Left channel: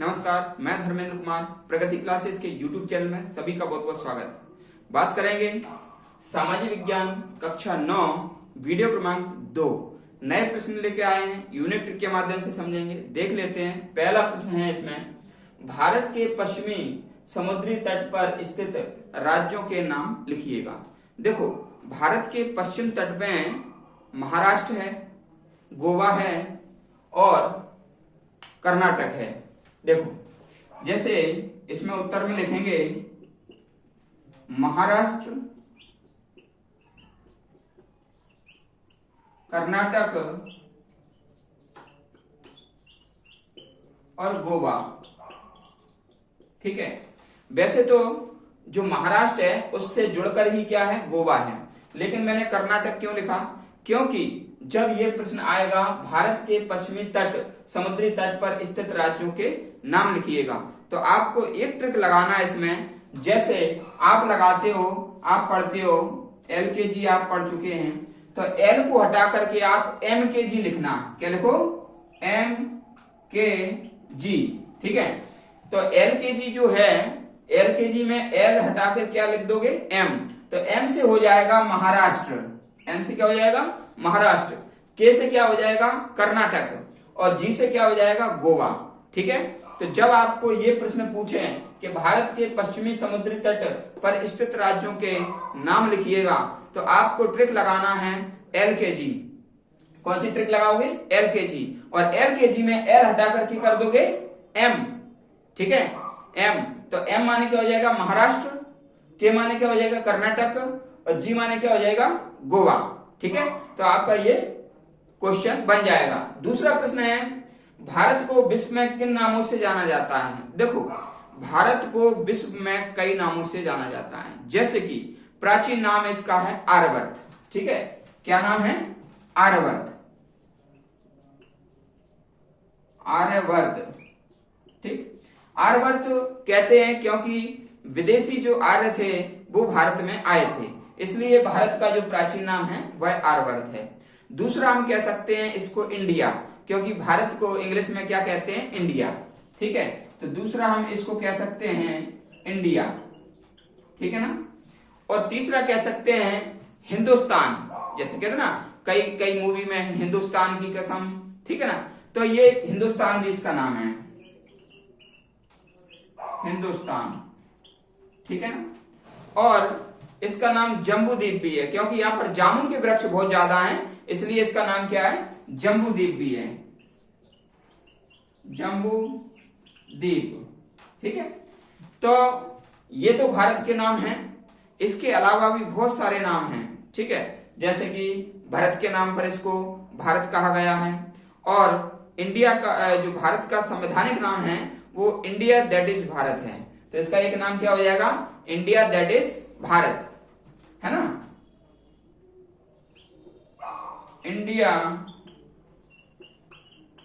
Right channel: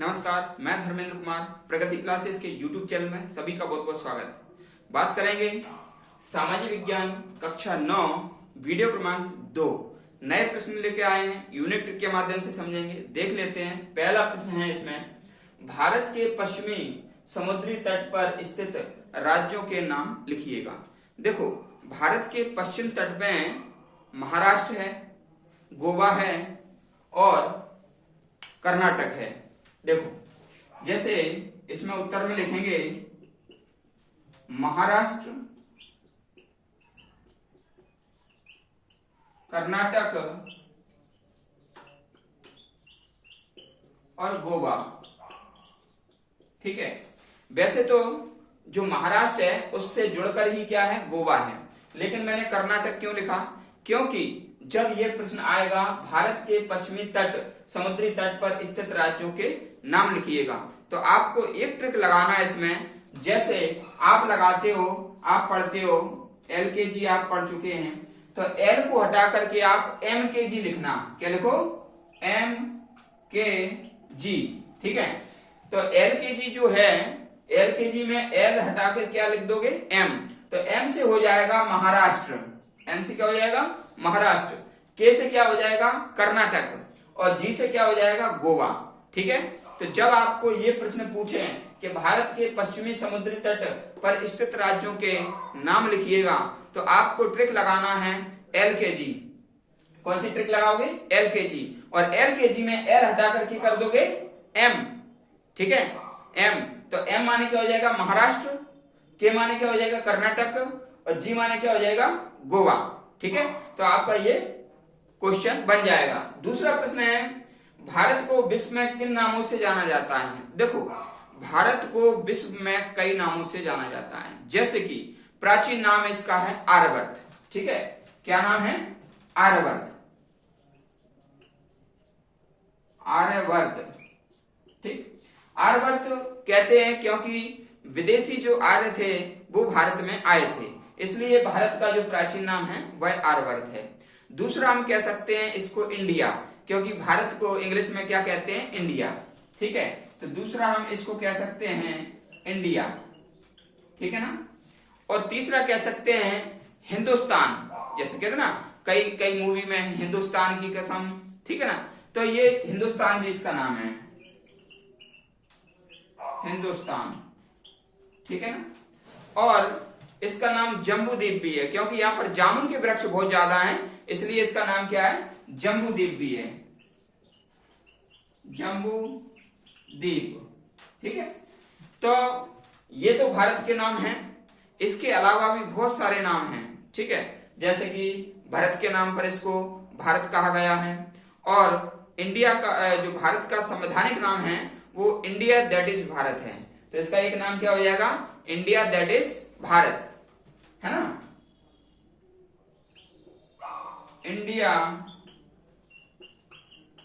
नमस्कार, मैं धर्मेंद्र कुमार प्रगति क्लासेस के YouTube चैनल में सभी का बहुत बहुत स्वागत। बात करेंगे सामाजिक विज्ञान कक्षा 9 वीडियो क्रमांक 2 नए प्रश्न लेके आए हैं, यूनिट के माध्यम से समझेंगे। देख लेते हैं। पहला प्रश्न है इसमें, भारत के पश्चिमी समुद्री तट पर स्थित राज्यों के नाम लिखिएगा। देखो, भारत के पश्चिम तट में महाराष्ट्र है, गोवा है और कर्नाटक है। देखो, जैसे इसमें उत्तर में लिखेंगे महाराष्ट्र, कर्नाटक और गोवा। ठीक है। वैसे तो जो महाराष्ट्र है उससे जुड़कर ही क्या है, गोवा है, लेकिन मैंने कर्नाटक क्यों लिखा? क्योंकि जब ये प्रश्न आएगा भारत के पश्चिमी तट समुद्री तट पर स्थित राज्यों के नाम लिखिएगा, तो आपको एक ट्रिक लगाना है इसमें। जैसे आप लगाते हो, आप पढ़ते हो, LKG आप पढ़ चुके हैं, तो L को हटा करके आप MKG लिखना। क्या लिखो? MKG। ठीक है। तो LKG जो है, LKG में L हटाकर क्या लिख दोगे? M। तो M से हो जाएगा महाराष्ट्र, M से क्या हो जाएगा? महाराष्ट्र। K से क्या हो जाएगा? कर्नाटक। और G से क्या हो जाएगा? गोवा। ठीक है। तो जब आपको ये प्रश्न पूछे कि भारत के पश्चिमी समुद्री तट पर स्थित राज्यों के नाम लिखिएगा, तो आपको ट्रिक लगाना है LKG। कौन सी ट्रिक लगाओगे? LKG। और LKG में L हटा करके कर दोगे M। ठीक है, M। तो M माने क्या हो जाएगा? महाराष्ट्र, K माने क्या हो जाएगा? कर्नाटक, और G माने क्या हो जाएगा? गोवा। ठीक है। तो आपका ये क्वेश्चन बन जाएगा। दूसरा प्रश्न है, भारत को विश्व में किन नामों से जाना जाता है? देखो, भारत को विश्व में कई नामों से जाना जाता है। जैसे कि प्राचीन नाम इसका है आर्यवर्त। ठीक है। क्या नाम है? आर्यवर्त। आर्यवर्त। ठीक। आर्यवर्त कहते हैं क्योंकि विदेशी जो आर्य थे वो भारत में आए थे, इसलिए भारत का जो प्राचीन नाम है वह आर्यवर्त है। दूसरा हम कह सकते हैं इसको इंडिया, क्योंकि भारत को इंग्लिश में क्या कहते हैं? इंडिया। ठीक है। तो दूसरा हम इसको कह सकते हैं इंडिया। ठीक है ना। और तीसरा कह सकते हैं हिंदुस्तान। जैसे कहते ना, कई कई मूवी में हिंदुस्तान की कसम। ठीक है ना। तो ये हिंदुस्तान भी इसका नाम है, हिंदुस्तान। ठीक है ना। और इसका नाम जम्बू द्वीप भी है, क्योंकि यहाँ पर जामुन के वृक्ष बहुत ज्यादा हैं, इसलिए इसका नाम क्या है? जम्बू द्वीप भी है, जम्बू द्वीप। ठीक है। तो ये तो भारत के नाम हैं। इसके अलावा भी बहुत सारे नाम हैं। ठीक है। जैसे कि भारत के नाम पर इसको भारत कहा गया है, और इंडिया का जो भारत का संवैधानिक नाम है वो इंडिया दैट इज भारत है। तो इसका एक नाम क्या हो जाएगा? इंडिया दैट इज भारत, है ना। इंडिया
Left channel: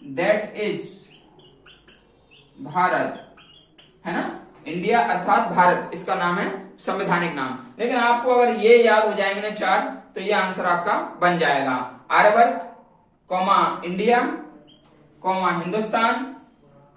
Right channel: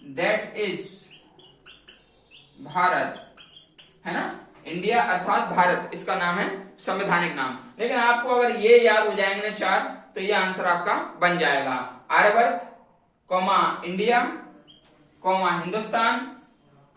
दैट इज भारत, है ना। इंडिया अर्थात भारत, इसका नाम है संवैधानिक नाम। लेकिन आपको अगर ये याद हो जाएंगे ना चार, तो ये आंसर आपका बन जाएगा। Aryavarta, comma India, comma Hindustan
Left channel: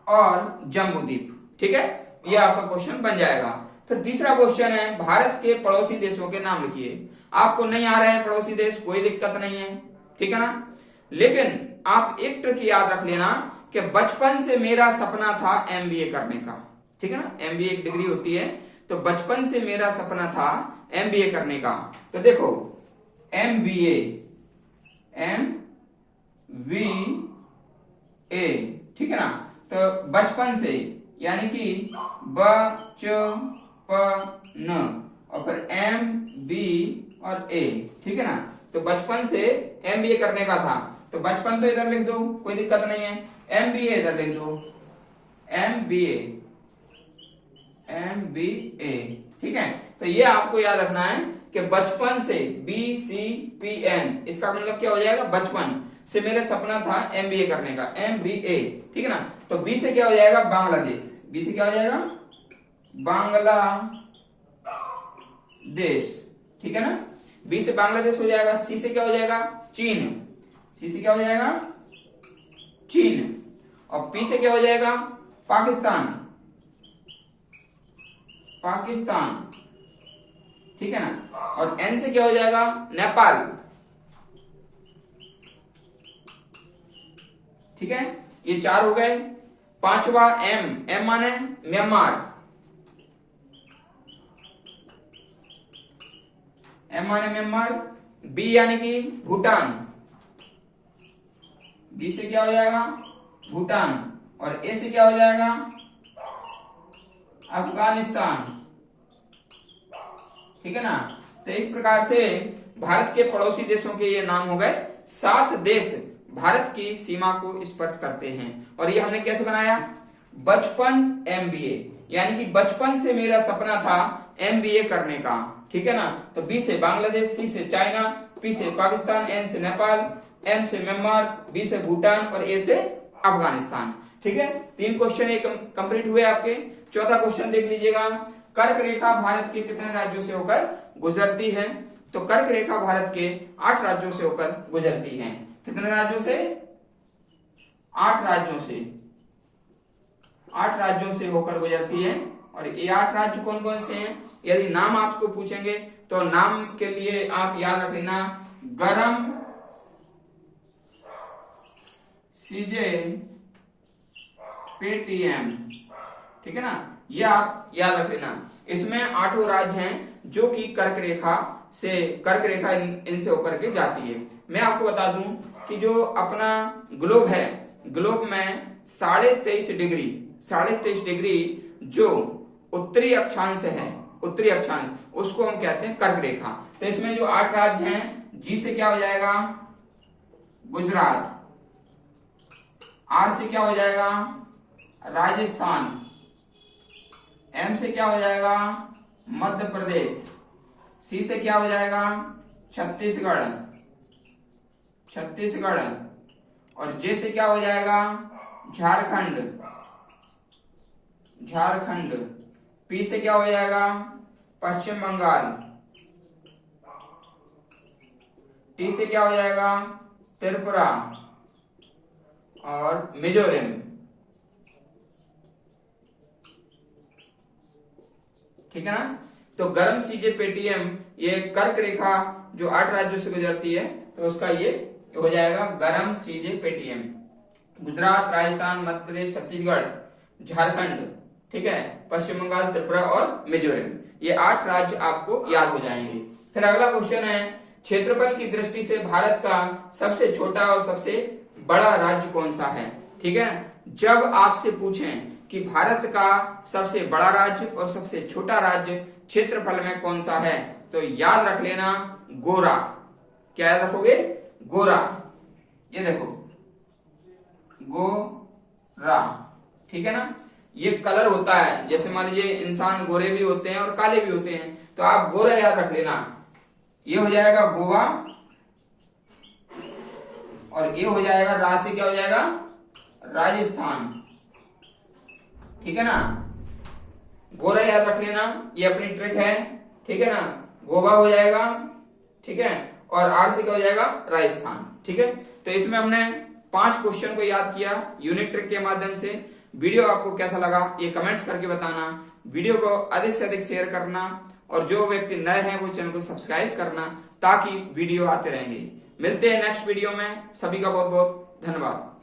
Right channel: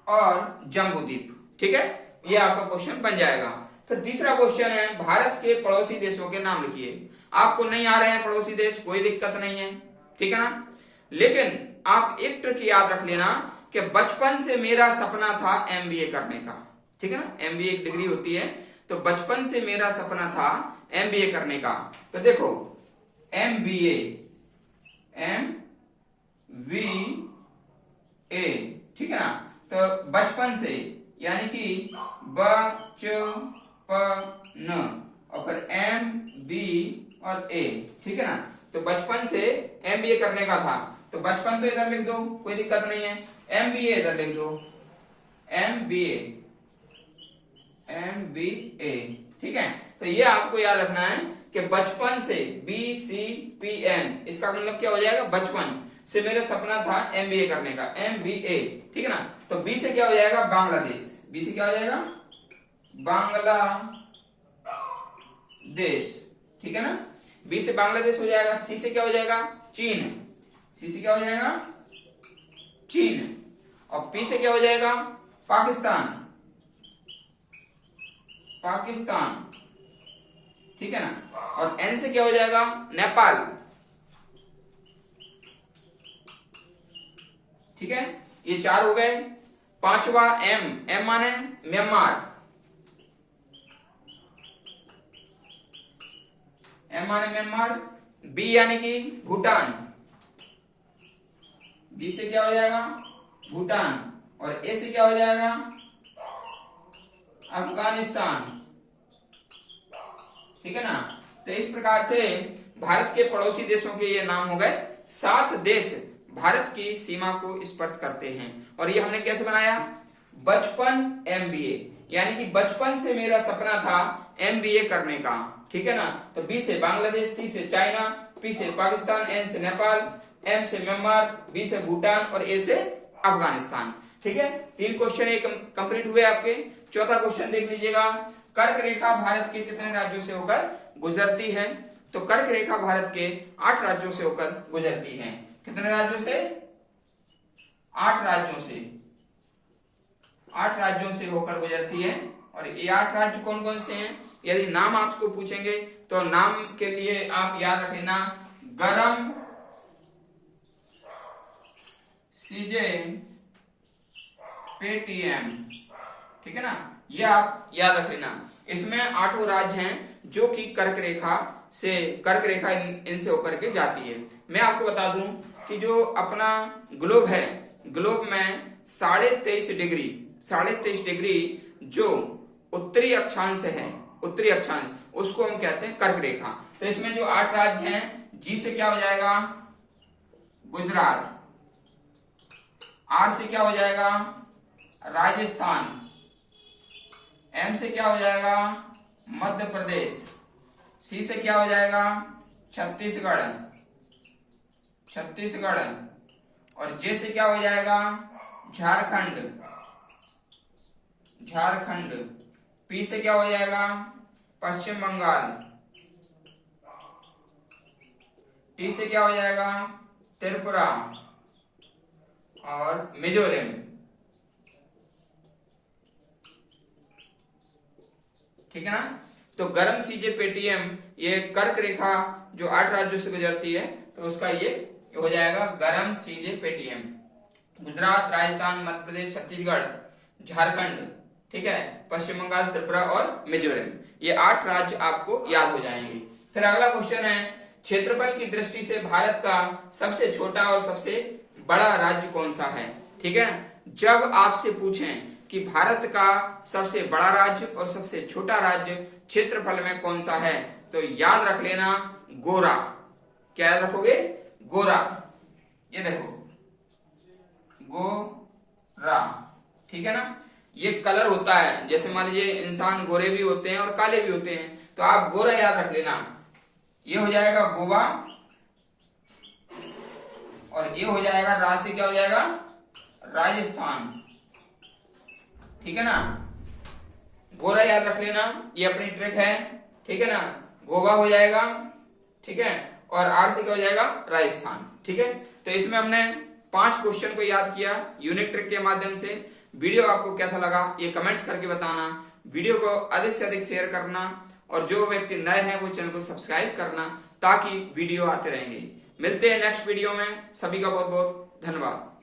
और जम्बू द्वीप। ठीक है। ये आपका क्वेश्चन बन जाएगा। फिर तीसरा क्वेश्चन है, भारत के पड़ोसी देशों के नाम लिखिए। आपको नहीं आ रहे हैं पड़ोसी देश, कोई दिक्कत नहीं है। ठीक है ना। लेकिन आप एक ट्रिक याद रख लेना कि बचपन से मेरा सपना था MBA करने का। ठीक है ना। MBA एक डिग्री होती है, तो बचपन से मेरा सपना था MBA करने का। तो देखो, MBA, ठीक है ना। तो बचपन से यानी कि बचपन, और फिर MB और A। ठीक है ना। तो बचपन से MBA करने का था, तो बचपन तो इधर लिख दो, कोई दिक्कत नहीं है। MBA इधर लिख दो, MBA। ठीक है। तो ये आपको याद रखना है कि बचपन से BCPN, इसका मतलब क्या हो जाएगा? बचपन से मेरा सपना था MBA करने का, MBA। ठीक है ना। तो B से क्या हो जाएगा? बांग्लादेश। B से क्या हो जाएगा? बांग्लादेश। ठीक है ना। B से बांग्लादेश हो जाएगा। C से क्या हो जाएगा? चीन। C से क्या हो जाएगा? चीन। और P से क्या हो जाएगा? पाकिस्तान, पाकिस्तान, ठीक है ना। और एन से क्या हो जाएगा, नेपाल, ठीक है। ये 4 हो गए। पांचवा एम, एम माने म्यांमार, एम माने म्यांमार। बी यानी कि भूटान, बी से क्या हो जाएगा, भूटान। और ए से क्या हो जाएगा, अफगानिस्तान, ठीक है ना। तो इस प्रकार से भारत के पड़ोसी देशों के ये नाम हो गए। 7 देश भारत की सीमा को स्पर्श करते हैं। और ये हमने कैसे बनाया, बचपन एमबीए, यानी कि बचपन से मेरा सपना था एमबीए करने का, ठीक है ना। तो बी से बांग्लादेश, सी से चाइना, पी से पाकिस्तान, एन से नेपाल, एम से म्यांमार, बी से भूटान और ए से अफगानिस्तान, ठीक है। 3 क्वेश्चन ये कंप्लीट हुए आपके। चौथा क्वेश्चन देख लीजिएगा, कर्क रेखा भारत के कितने राज्यों से होकर गुजरती है। तो कर्क रेखा भारत के 8 राज्यों से होकर गुजरती है। कितने राज्यों से, 8 राज्यों से, 8 राज्यों से होकर गुजरती है। और ये 8 राज्य कौन कौन से हैं, यदि नाम आपको पूछेंगे तो नाम के लिए आप याद रख लेना, गरम सीजे पेटीएम, ठीक है ना। ये आप याद रख लेना। इसमें 8 राज्य हैं जो कि कर्क रेखा इनसे होकर के जाती है। मैं आपको बता दूं कि जो अपना ग्लोब है, ग्लोब में 23.5 डिग्री जो उत्तरी अक्षांश है, उत्तरी अक्षांश, उसको हम कहते हैं कर्क रेखा। तो इसमें जो 8 राज्य हैं, जी से क्या हो जाएगा, गुजरात, आर से क्या हो जाएगा, राजस्थान, एम से क्या हो जाएगा, मध्य प्रदेश, सी से क्या हो जाएगा, छत्तीसगढ़, और जे से क्या हो जाएगा, झारखंड, पी से क्या हो जाएगा, पश्चिम बंगाल, टी से क्या हो जाएगा, त्रिपुरा और मिजोरम, ठीक है ना। तो गरम सीजे पेटीएम ये कर्क रेखा जो 8 राज्यों से गुजरती है, तो उसका ये हो जाएगा गरम सीजे पेटीएम। गुजरात, राजस्थान, मध्य प्रदेश, छत्तीसगढ़, झारखंड, ठीक है, पश्चिम बंगाल, त्रिपुरा और मिजोरम, ये 8 राज्य आपको याद हो जाएंगे। फिर अगला क्वेश्चन है, क्षेत्रफल की दृष्टि से भारत का सबसे छोटा और सबसे बड़ा राज्य कौन सा है, ठीक है। जब आपसे पूछें कि भारत का सबसे बड़ा राज्य और सबसे छोटा राज्य क्षेत्रफल में कौन सा है, तो याद रख लेना गोरा। क्या याद रखोगे, गोरा। ये देखो गोरा, ठीक है ना। ये कलर होता है, जैसे मान लीजिए इंसान गोरे भी होते हैं और काले भी होते हैं, तो आप गोरा याद रख लेना। ये हो जाएगा गोवा, और ये हो जाएगा रा से क्या हो जाएगा, राजस्थान, ठीक है ना। गोरा याद रख लेना, ये अपनी ट्रिक है, ठीक है ना। गोवा हो जाएगा, ठीक है, और आर से क्या हो जाएगा, राजस्थान, ठीक है। तो इसमें हमने 5 क्वेश्चन को याद किया यूनिक ट्रिक के माध्यम से। वीडियो आपको कैसा लगा ये कमेंट्स करके बताना। वीडियो को अधिक से अधिक शेयर करना, और जो व्यक्ति नए हैं वो चैनल को सब्सक्राइब करना, ताकि वीडियो आते रहेंगे। मिलते हैं नेक्स्ट वीडियो में। सभी का बहुत बहुत धन्यवाद।